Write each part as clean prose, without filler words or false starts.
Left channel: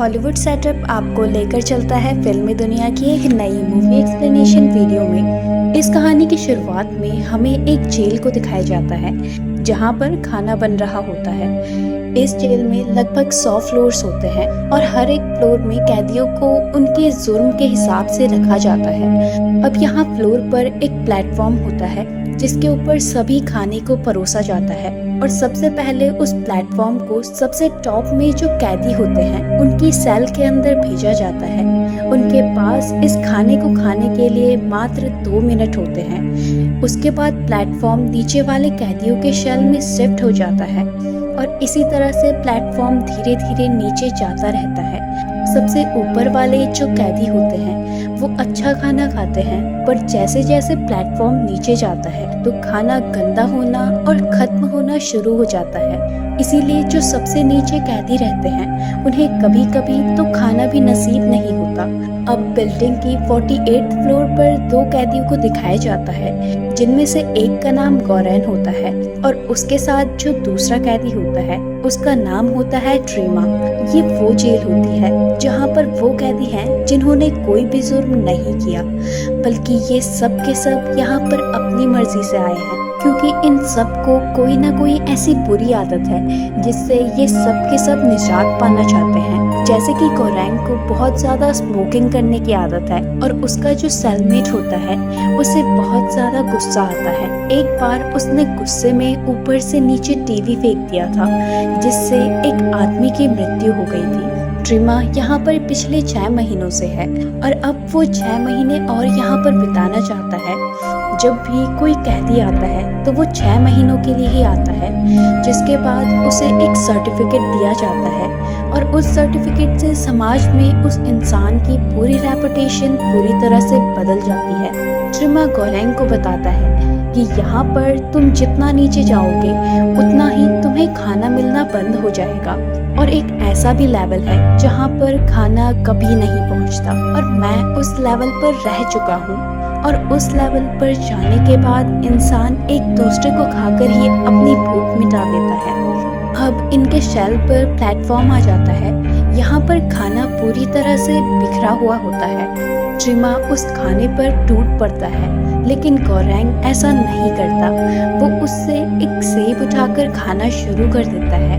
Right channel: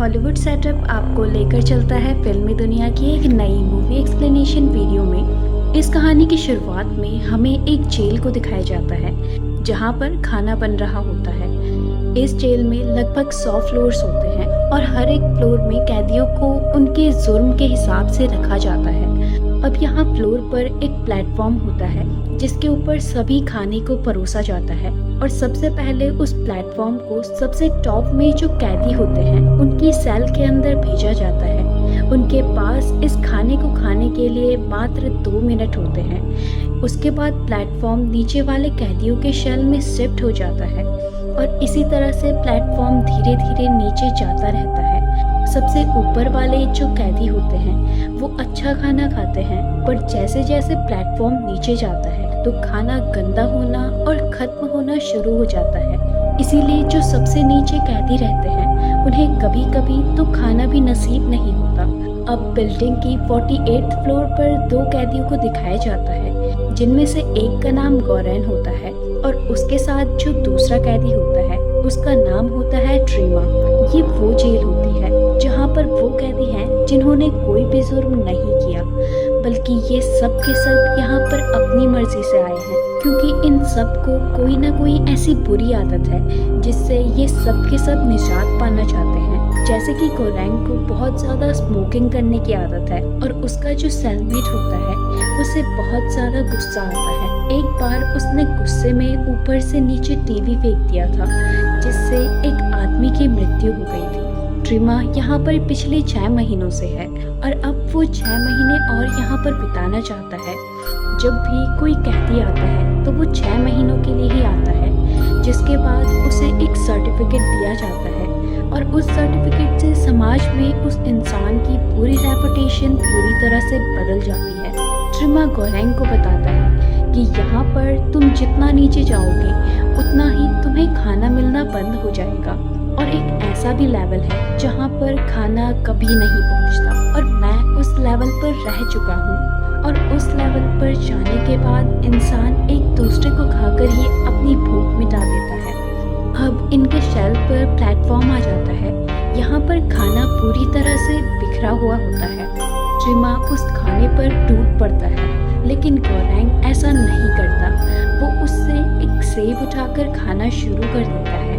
Hollywood setup आपको लेकर चलता है फिल्मी दुनिया की एक नई मूवी एक्सप्लेनेशन वीडियो में। इस कहानी की शुरुआत में हमें एक जेल को दिखाया जाता है जहां पर खाना बन रहा होता है। इस जेल में लगभग 100 फ्लोर्स होते हैं और हर एक फ्लोर में कैदियों को उनके जुर्म के हिसाब से रखा जाता है। अब यहाँ फ्लोर पर एक प्लेटफॉर्म होता है जिसके ऊपर सभी खाने को परोसा जाता है और सबसे पहले उस प्लेटफॉर्म को सबसे टॉप में जो कैदी होते हैं उनकी सेल के अंदर भेजा जाता है। उनके पास इस खाने को खाने के लिए मात्र 2 मिनट होते हैं। उसके बाद प्लेटफॉर्म नीचे वाले कैदियों के सेल में शिफ्ट हो जाता है और इसी तरह से प्लेटफॉर्म धीरे धीरे नीचे जाता रहता है। सबसे ऊपर वाले जो कैदी होते हैं वो अच्छा खाना खाते हैं, पर जैसे जैसे प्लेटफॉर्म नीचे जाता है तो खाना गंदा होना और खत्म होना शुरू हो जाता है। इसीलिए जो सबसे नीचे कैदी रहते हैं उन्हें कभी कभी तो खाना भी नसीब नहीं होता। अब बिल्डिंग की 48th फ्लोर पर 2 कैदियों को दिखाया जाता है जिनमें से एक का नाम गौरैन होता है और उसके साथ जो दूसरा कैदी होता है उसका नाम होता है ट्रीमा। ये वो जेल होती है जहाँ पर वो कैदी हैं जिन्होंने कोई भी जुर्म नहीं किया, बल्कि ये सब के सब यहाँ पर अपनी मर्जी से आए हैं, क्योंकि इन सब को कोई ना कोई ऐसी बुरी आदत है जिससे ये सब के सब निजात पाना चाहते हैं। जैसे कि गौरैंग को बहुत ज़्यादा स्मोकिंग करने की आदत है और उसका जो सेलमेट होता है उसे बहुत ज़्यादा गुस्सा आता है। एक बार उसने गुस्से में ऊपर से नीचे टीवी फेंक दिया था जिससे एक आदमी की मृत्यु हो गई थी। ट्रीमा यहाँ पर पिछले 6 महीनों से है और अब वो 6 महीने और यहाँ पर बिताना चाहता है। जब भी कोई कैदी आता है तो वो 6 महीनों के लिए ही आता है, जिसके बाद उसे एक सर्टिफिकेट दिया जाता है और उस सर्टिफिकेट से समाज में उस इंसान की पूरी रेपुटेशन पूरी तरह से बदल जाती है। ट्रीमा गौरैंग को बताता है कि यहाँ पर तुम जितना नीचे जाओगे उतना ही तुम्हें खाना मिलना बंद हो जाएगा और एक ऐसा भी लेवल है जहाँ पर खाना कभी नहीं पहुँचता और मैं उस लेवल पर रह चुका हूँ। और उस लेवल पर जाने के बाद इंसान एक दूसरे को खाकर ही अपनी भूख मिटा देता है। अब इनके शेल पर प्लेटफॉर्म आ जाता है। यहाँ पर खाना पूरी तरह से बिखरा हुआ होता है। ट्रीमा उस खाने पर टूट पड़ता है, लेकिन गौरैंग ऐसा नहीं करता। वो उससे एक सेब उठाकर खाना शुरू कर देता है।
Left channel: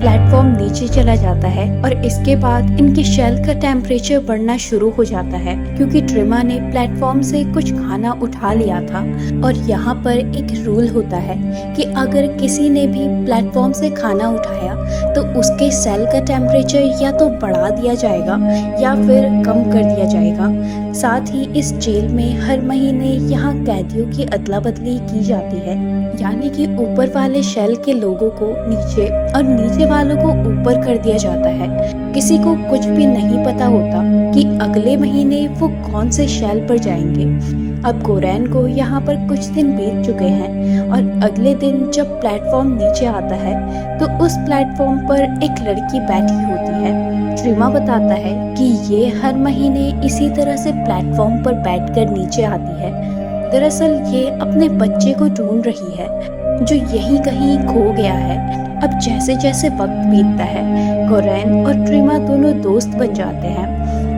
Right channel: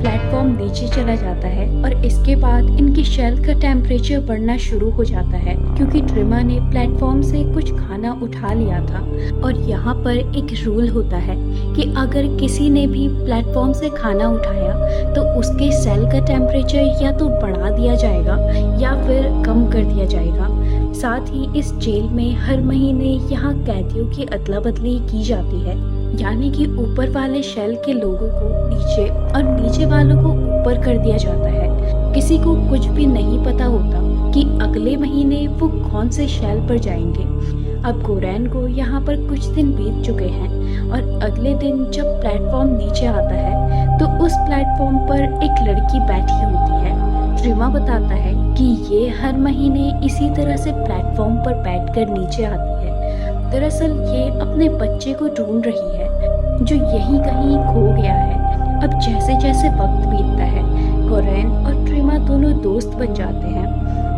प्लेटफॉर्म नीचे चला जाता है और इसके बाद इनके शेल का टेम्परेचर बढ़ना शुरू हो जाता है, क्योंकि ट्रीमा ने प्लेटफॉर्म से कुछ खाना उठा लिया था। और यहाँ पर एक रूल होता है कि अगर किसी ने भी प्लेटफॉर्म से खाना उठाया तो उसके सेल का टेम्परेचर या तो बढ़ा दिया जाएगा या फिर कम कर दिया जाएगा। साथ ही इस जेल में हर महीने यहाँ कैदियों की अदला बदली की जाती है, यानी कि ऊपर वाले शेल के लोगों को नीचे और नीचे वालों को ऊपर कर दिया जाता है। किसी को कुछ भी नहीं पता होता कि अगले महीने वो कौन से शेल पर जाएंगे। अब गौरैन को यहाँ पर कुछ दिन बीत चुके हैं और अगले दिन जब प्लेटफॉर्म नीचे आता है तो उस प्लेटफॉर्म पर एक लड़की बैठी होती है। ट्रीमा बताता है कि ये हर महीने इसी तरह से प्लेटफॉर्म पर बैठकर नीचे आती है। दरअसल ये अपने बच्चे को ढूंढ रही है जो यहीं कहीं खो गया है। अब जैसे जैसे वक्त बीतता है गौरैन और ट्रीमा दोनों दोस्त बन जाते हैं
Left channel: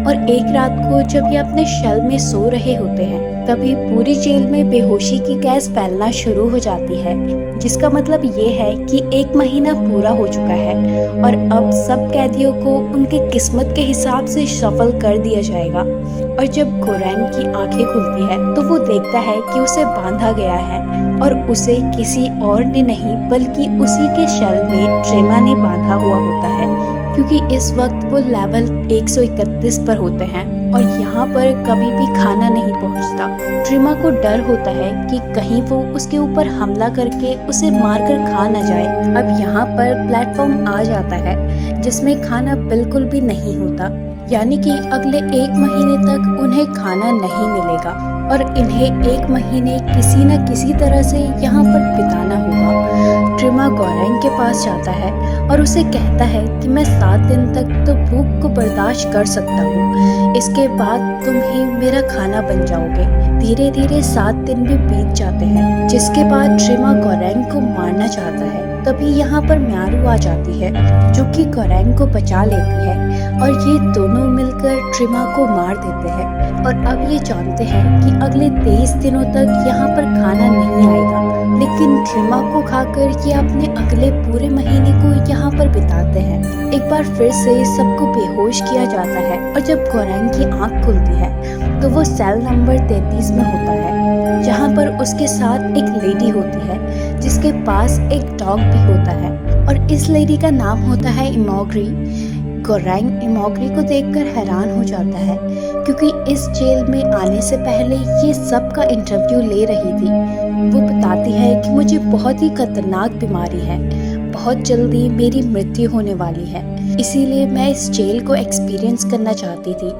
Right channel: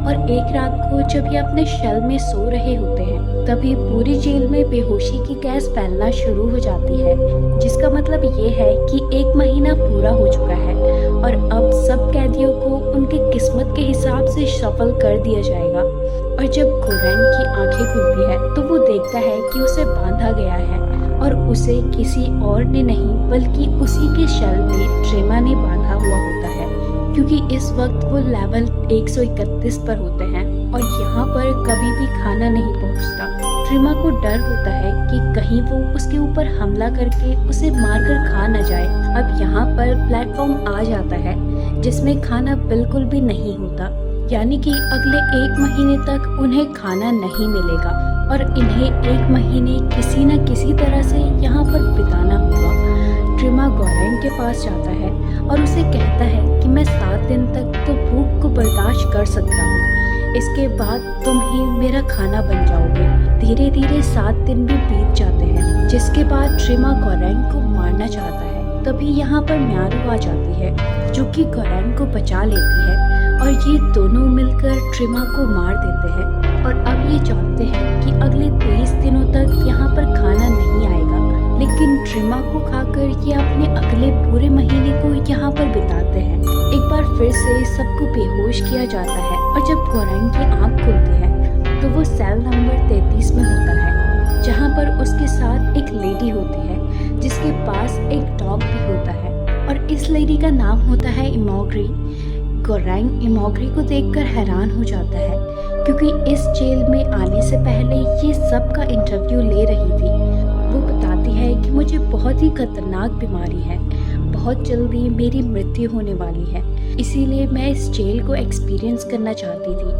और एक रात को जब ये अपने शेल में सो रहे होते हैं तभी पूरी जेल में बेहोशी की गैस फैलना शुरू हो जाती है, जिसका मतलब ये है कि 1 महीना पूरा हो चुका है और अब सब कैदियों को उनके किस्मत के हिसाब से शफल कर दिया जाएगा। और जब गौरैंग की आंखें खुलती है तो वो देखता है कि उसे बांधा गया है और उसे किसी और ने नहीं बल्कि उसी के शेल में ट्रीमा ने बांधा हुआ होता है, क्योंकि इस वक्त वो लेवल 131 पर होते हैं और यहाँ पर कभी भी खाना नहीं पहुँचता। ट्रीमा को डर होता है कि कहीं वो उसके ऊपर हमला करके उसे मारकर खा न जाए। अब यहाँ पर प्लेटफॉर्म आ जाता है जिसमें खाना बिल्कुल भी नहीं होता, यानी कि अगले 1 महीने तक उन्हें खाना नहीं मिलेगा और इन्हें 1 महीने किसी न किसी तरह से यहाँ पर बिताना होगा। ट्रीमा गौरैंग के पास जाता है और उसे कहता है कि मैं 7 दिन तक तो भूख को बर्दाश्त कर सकता हूँ, इसके बाद तुम ही मेरा खाना बन जाओगे। धीरे धीरे 7 दिन भी बीत जाते हैं, जिसके बाद ट्रीमा गौरैंग को मारना चाहता है तभी यहाँ पर म्यारू आ जाती है, जो कि गोरेंग को बचा लेती है और ये दोनों मिलकर ट्रिमा को मार देते हैं। और अब ये जानते हैं कि अगले 23 दिनों तक यहाँ पर खाना नहीं आएगा, लेकिन ट्रिमा को खाकर ये अपने अगले पूरे महीने को यहाँ पर बिताते हैं। एक बार फिर से सबको बेहोश किया जाता है और जब गोरेंग की आंख खुलती है तो वो सेल नंबर 33 में होता है, जहाँ पर उसके साथ एक लेडी होती है जिसके पास एक डॉग भी होता है और इस लेडी का नाम होता है इमोग्री। गोरेंग इमोग्री को देखकर हैरान हो जाता है, क्योंकि इस जेल में आने से पहले ये सब का इंटरव्यू ले रही थी। वो बताती है कि मुझे बहुत ही खतरनाक बीमारी है, बहुत जल्दी मेरी मृत्यु होने वाली है, इसीलिए मैं इस जेल को एक्सपीरियंस करना चाहती थी।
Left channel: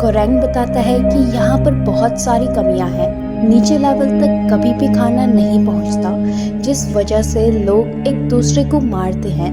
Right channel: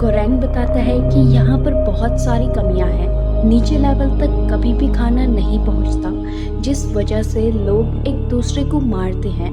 गोरेंग बताता है कि यहाँ पर बहुत सारी कमियां हैं, नीचे लेवल तक कभी भी खाना नहीं पहुँचता, जिस वजह से लोग एक दूसरे को मारते हैं।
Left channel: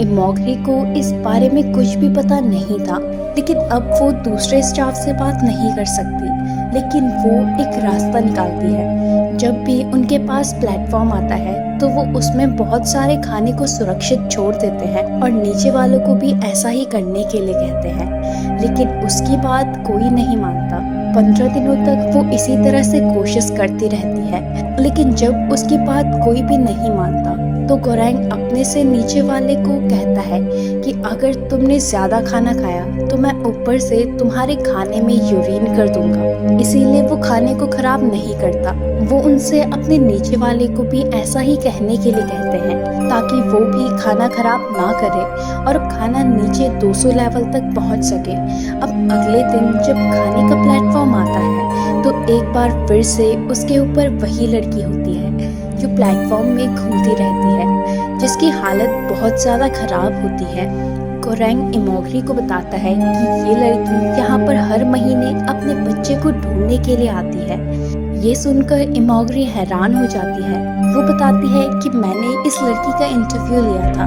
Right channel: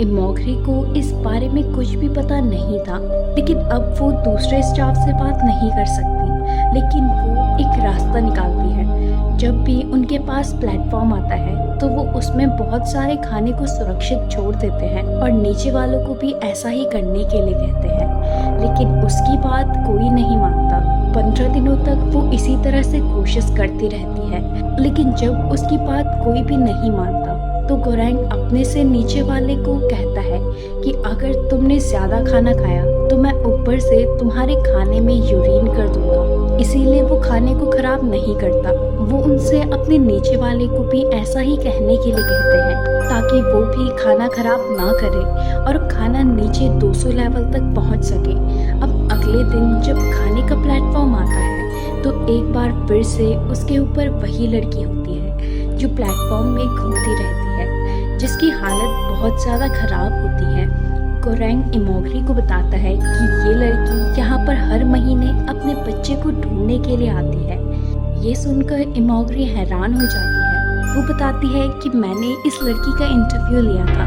इमोग्री को इस बारे में कुछ भी पता नहीं था, लेकिन अब वो दूसरे स्टाफ से बात नहीं कर सकती, लेकिन वो एक रास्ता निकालती है। जब भी उनके पास प्लेटफॉर्म आता है तो वो उसमें बहुत सारे खाने को सुरक्षित छोड़ देते हैं और नीचे वालों को भी ऐसा ही करने के लिए कहते हैं, लेकिन उसकी बात कोई नहीं मानता। 15 दिनों तक वो इसी तरह से कोशिश करती रहती है, लेकिन जब उसकी बात कोई भी नहीं मानता तो गोरेंग अपने से नीचे वाले को कहता है कि अगर तुमने ज्यादा खाना खाया तो मैं ऊपर से तुम्हारे खाने में यूरिन कर दूंगा। इसीलिए वो खाने को खराब नहीं करता। वो उनसे अपने नीचे वाले को भी ऐसा ही कहने के लिए कहते हैं, ताकि वो भी खाना खराब ना करे और खाना नीचे 200 लेवल तक पहुंच सके। अब अगले दिन जब खाने का प्लेटफॉर्म आता है तो एक बार फिर से उसके ऊपर वही लड़की होती है जो प्लेटफॉर्म में घूमती रहती है, जिसकी हालत बहुत ज़्यादा खराब होती है। गोरेंग इमोग्री को बताता है कि ये लड़की यहाँ पर हर महीने अपने बच्चे को ढूंढने के लिए आती है। ये सुनकर इमोग्री हैरान हो जाती है। वो बताती है कि मैंने इस लड़की का इंटरव्यू लिया था,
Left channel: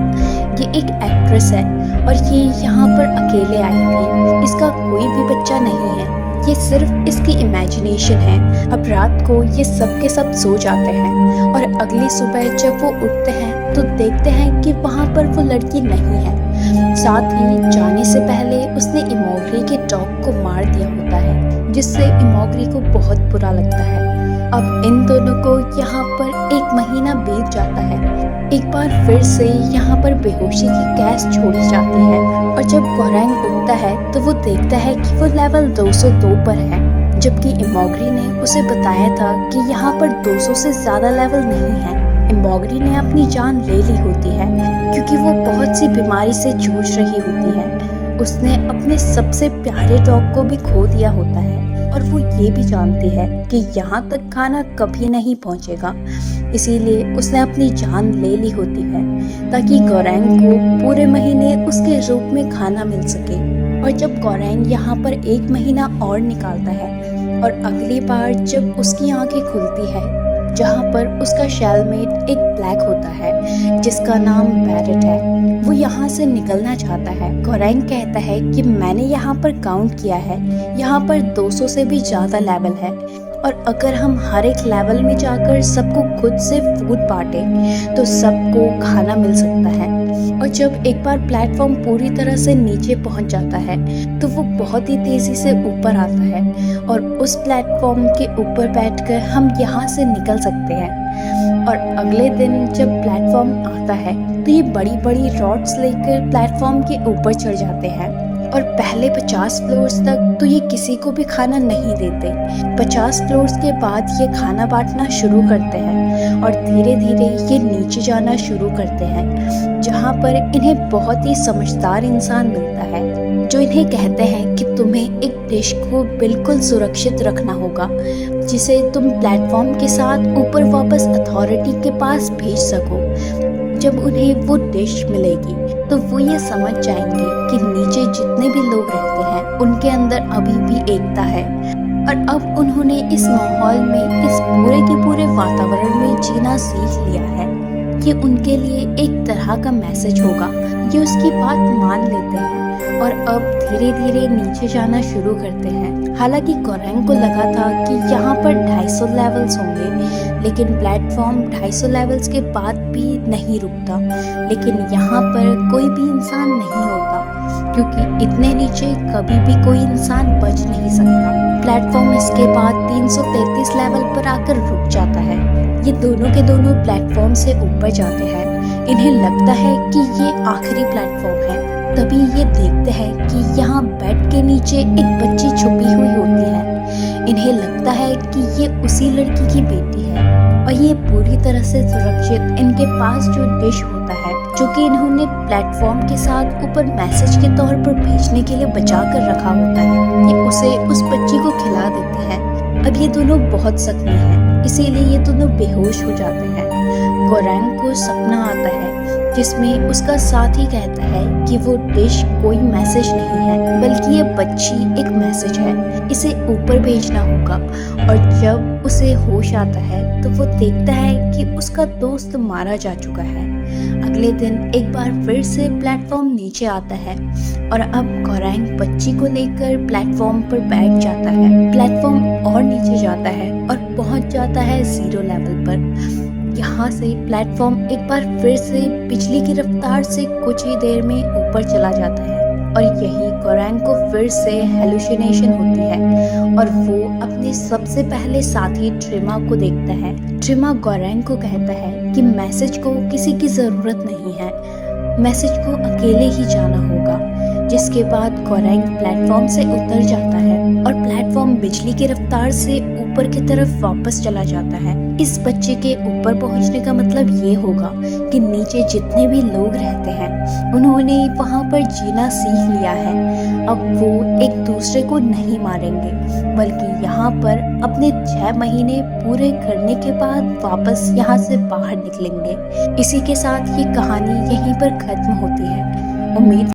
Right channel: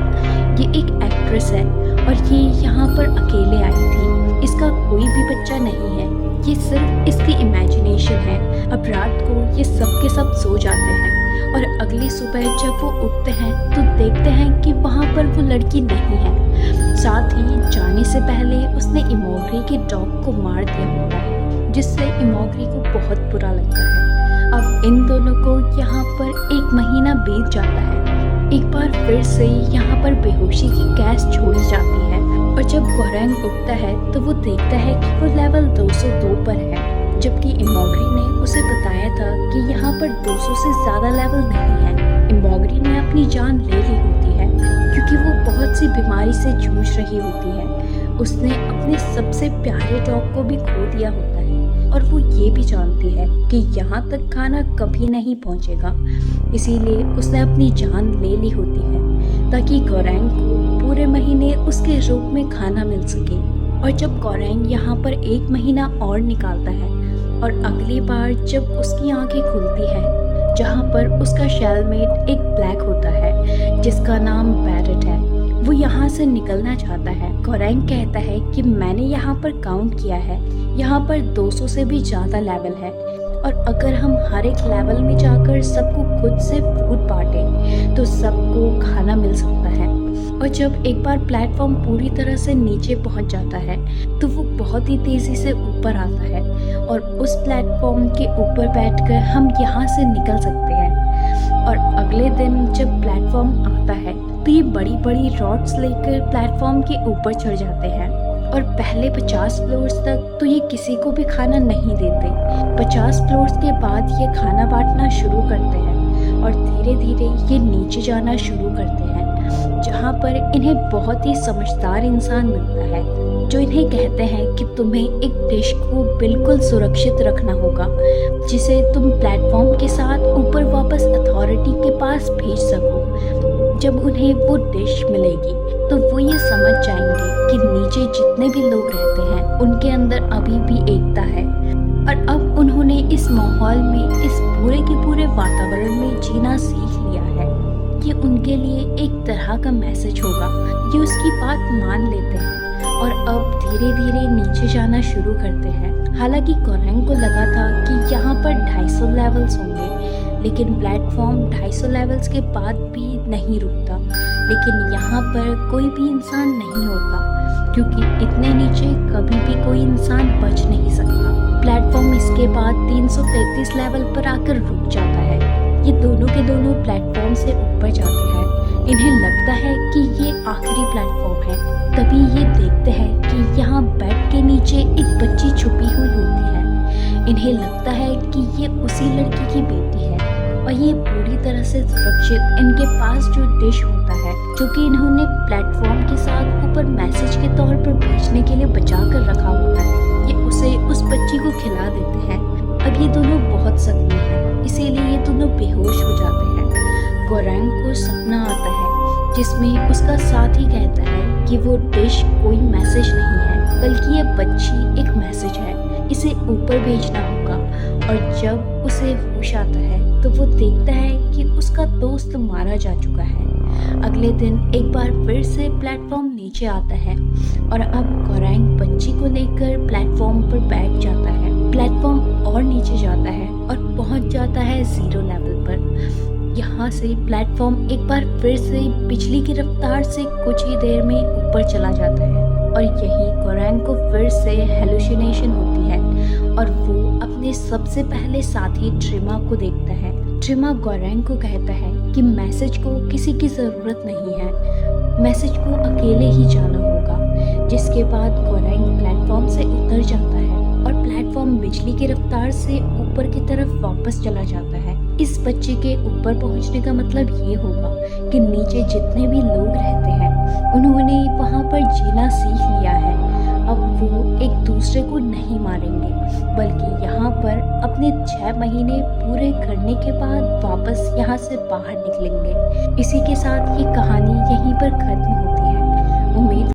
ये एक एक्ट्रेस है और ये यहाँ पर अकेले आई थी, इसका कोई भी बच्चा नहीं है, ये सिर्फ इसकी इमेजिनेशन है। अब रात को ये सब के सब सो जाते हैं और अगली सुबह जब वो उठते हैं तो देखते हैं कि वहाँ पर वो लड़की नहीं है। साथ ही जाने से पहले उसने इमोग्री के डॉग को मार दिया होता है, जिससे इमोग्री को बहुत बुरा लगता है। अब इन दोनों को यहाँ पर 1 महीना बीत जाता है। एक बार फिर से यहाँ पर बेहोशी की गैस छोड़ी जाती है और जब गोरेंग उठता है तो वो देखता है कि वो लेवल 202 पर है, जबकि इमोग्री ने उसे बताया था कि यहाँ पर 200 से ज़्यादा लेवल नहीं है। इमोग्री ने अपनी जान ले ली होती है क्योंकि वो बहुत सी बीमारी से जूझ रही होती है। उसने अपने सबसे प्यारे डॉग को भी खो दिया होता है और वो ये भी जानती है कि यहाँ तक खाना कभी नहीं पहुँचेगा, इसीलिए उसने अपनी जान ले ली होती है ताकि गोरेंग को पूरे महीने उसके रूप में खाना मिल सके। और जब गोरेंग यहाँ पर 1 महीना और निकालता है और अगली बार जब उसकी आंखें खुलती है, जहाँ पर उसका शेलमेट एक ब्लैक होता है जिसका नाम बैरेट है, वो यहाँ से निकलना चाहता है। गोरेंग कहता है कि मैंने यहाँ पर काउंट किया है, यहाँ पर 200 से भी ज़्यादा लेवल है और अगर हम हर एक लेवल में जाकर सबको खुद से फूड बांटे तो सबको खाना मिल सकता है। और जब एक बार प्लेटफॉर्म पूरी तरह से नीचे पहुंच जाता है तो वो बहुत ही तेज़ी से ऊपर आता है और उस प्लेटफॉर्म के ऊपर बैठकर हम यहाँ से निकल सकते हैं। और अगले दिन जब प्लेटफॉर्म आता है तो ये बड़ी बड़ी रॉड्स लेकर प्लेटफॉर्म के ऊपर चढ़ जाते हैं और पहले 50 फ्लोर्स तक तो ये किसी को भी खाना नहीं देते। 50 फ्लोर्स के बाद ये खाना बांटना शुरू करते हैं और धीरे धीरे ये नीचे जाना शुरू करते हैं, जहाँ पर इन्हें बहुत ही समझदार इंसान मिलता है जो इन्हें कहते हैं कि तुम्हें एक डिश को बिल्कुल सुरक्षित रखना होगा जिसे तुम प्लेटफॉर्म के साथ ऊपर वापस अथॉरिटी के पास भेज सको। जब उन्हें वो डिश मिलेगी तो वो ये समझ जाएंगे कि नीचे जितने भी लोग रहते हैं उनके अंदर अभी भी एकता है। और अब उन्होंने इस माहौल में, इस पूरे के पूरे वातावरण में जीना सीख लिया है। ये उनके लिए एक तरह का मैसेज होगा। ये उसकी बात मान लेते हैं और अब धीरे धीरे नीचे जाना शुरू करते हैं। हालांकि गोरेंग को लगा था कि यहाँ पर 250 लेवल्स होंगे, लेकिन प्लेटफॉर्म प्लेटफॉर्म 250 लेवल्स के बाद भी नहीं रुकता, लेकिन यहाँ पर कोई भी इंसान नहीं होता क्योंकि इतने नीचे कभी भी कोई इंसान बच नहीं सकता। प्लेटफॉर्म इसके बाद 333 लेवल पर आकर रुक जाता है। ये दोनों के दोनों प्लेटफॉर्म से ऊपर जाते हैं। इन्हें लगता है कि ये आखिरी प्लेटफॉर्म है। तभी ये देखते हैं कि यहाँ बेड के नीचे एक बच्ची छुपी हुई होती है। इन्हें लगता है कि ये उसी लड़की की बेटी है और ये पूरी तरह से सुरक्षित इनके पास जो डिश होता है जो कि इन्होंने प्लेटफॉर्म के साथ ऊपर मैसेज के तौर पर भेजने के लिए बचा कर रखा होता है, ये उसे उस बच्ची को खिला देते हैं। अब ये दोनों बहुत जख्मी हैं, इसीलिए ये दोनों बेहोश हो जाते हैं। गोरैंग को सपना आता है जिसमें उसका साथी कहता है कि वो डिश कोई मैसेज नहीं है बल्कि ये बच्ची एक मैसेज है, इसे ऊपर भेजना होगा। और जब उसे होश आता है तो वो देखता है कि उसका दोस्त मारा जा चुका है। अगले दिन एक बार फिर से प्लेटफॉर्म नीचे आता है और अब गोरैंग बच्ची को लेकर प्लेटफॉर्म पर बैठ जाता है। प्लेटफॉर्म और नीचे जाता है और पहुंच जाता है 0 लेवल पर। यहाँ से प्लेटफॉर्म एक बार फिर से बिजली की रफ्तार से कुछ ही देर में ऊपर चला जाता है और यही गोरैंग को फिर से हेलुसिनेशन होती है और वो अपने सबसे पहले साथी ट्रिमा को देखता है। ट्रिमा गोरैंग को कहता है कि मैसेज को किसी की ज़रूरत नहीं है, मैसेज को अकेले ही जाना होगा। जिसके बाद गोरैंग प्लेटफॉर्म से उतर जाता है और प्लेटफॉर्म बिजली की रफ्तार से ऊपर की तरफ वापस चला जाता है। इस बच्चे के ऊपर पहुंचने का मतलब ये होगा कि नीचे जितने भी लोग रहते हैं उन्होंने वहां पर जीना सीख लिया है। अब वो एक दूसरे को नहीं मारेंगे बल्कि यहाँ पर अपने 6 महीने पूरे करने के बाद वापस यहाँ से बाहर निकलेंगे। इसी के साथ ये कहानी यहीं पर खत्म होती है। उम्मीद